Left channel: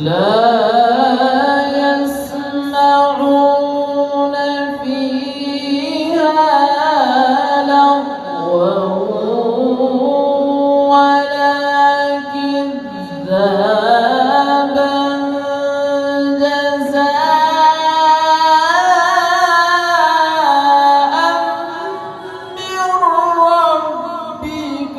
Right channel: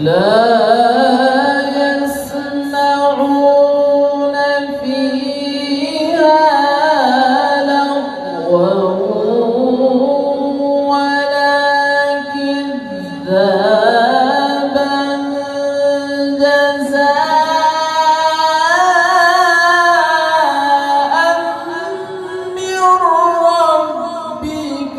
لا يسمعون فيها لغوا ولا كذابا جزاء من ربك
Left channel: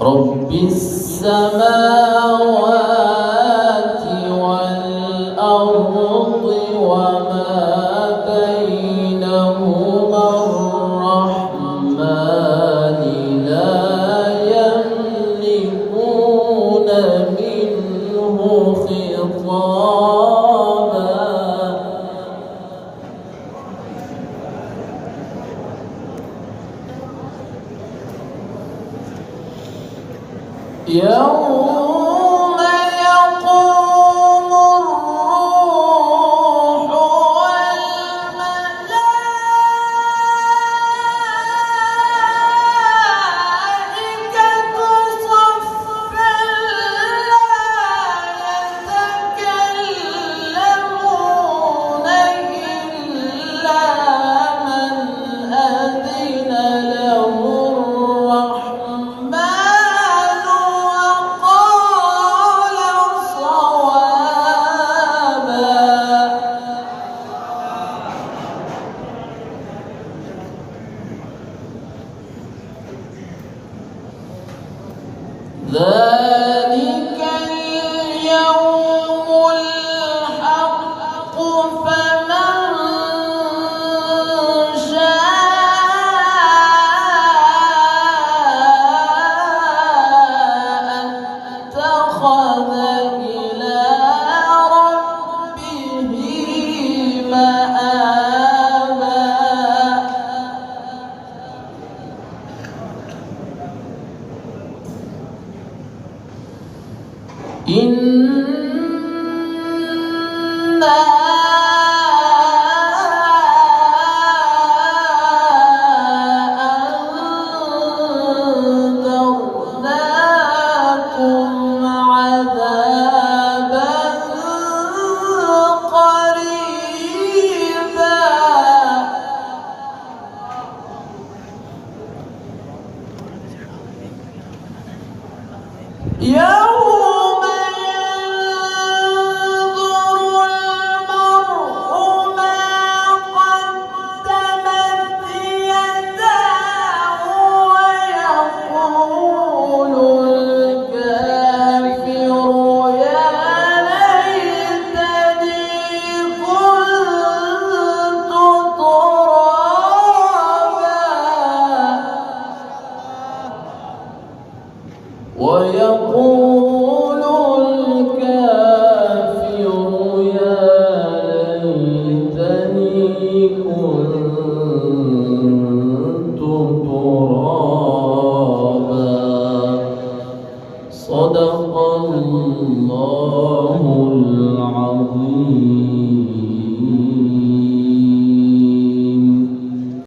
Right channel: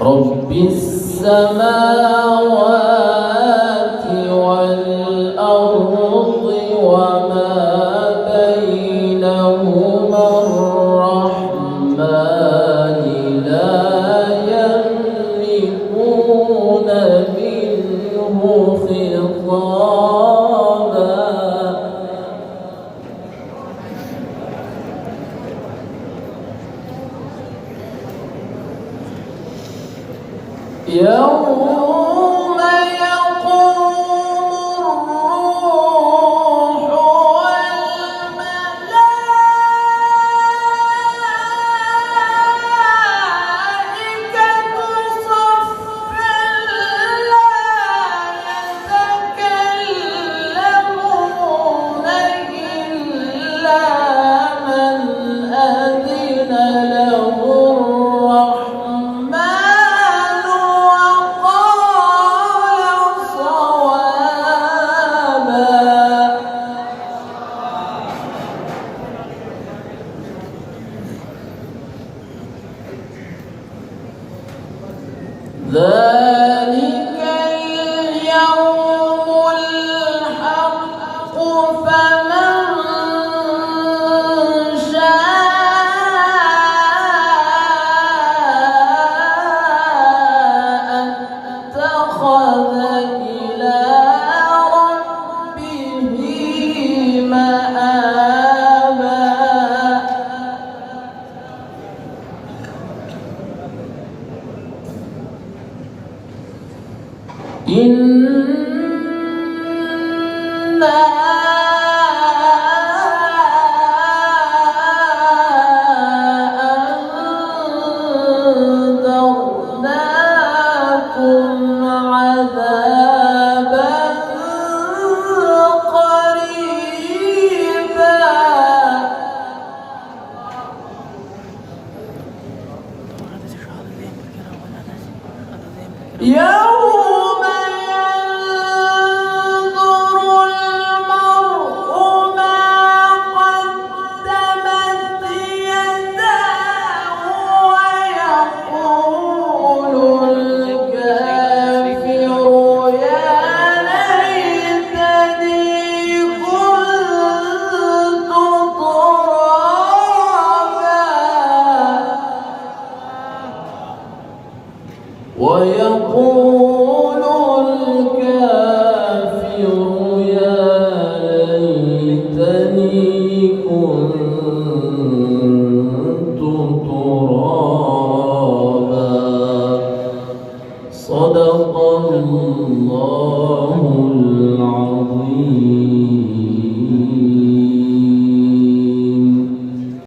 رب السماوات والأرض وما بينهما الرحمن لا يملكون منه خطابا يوم يقوم الروح والملائكة صفا لا يتكلمون إلا من أذن له ذلك اليوم الحق فمن شاء اتخذ إلى ربه مآبا إنا أنذرناكم عذابا قريبا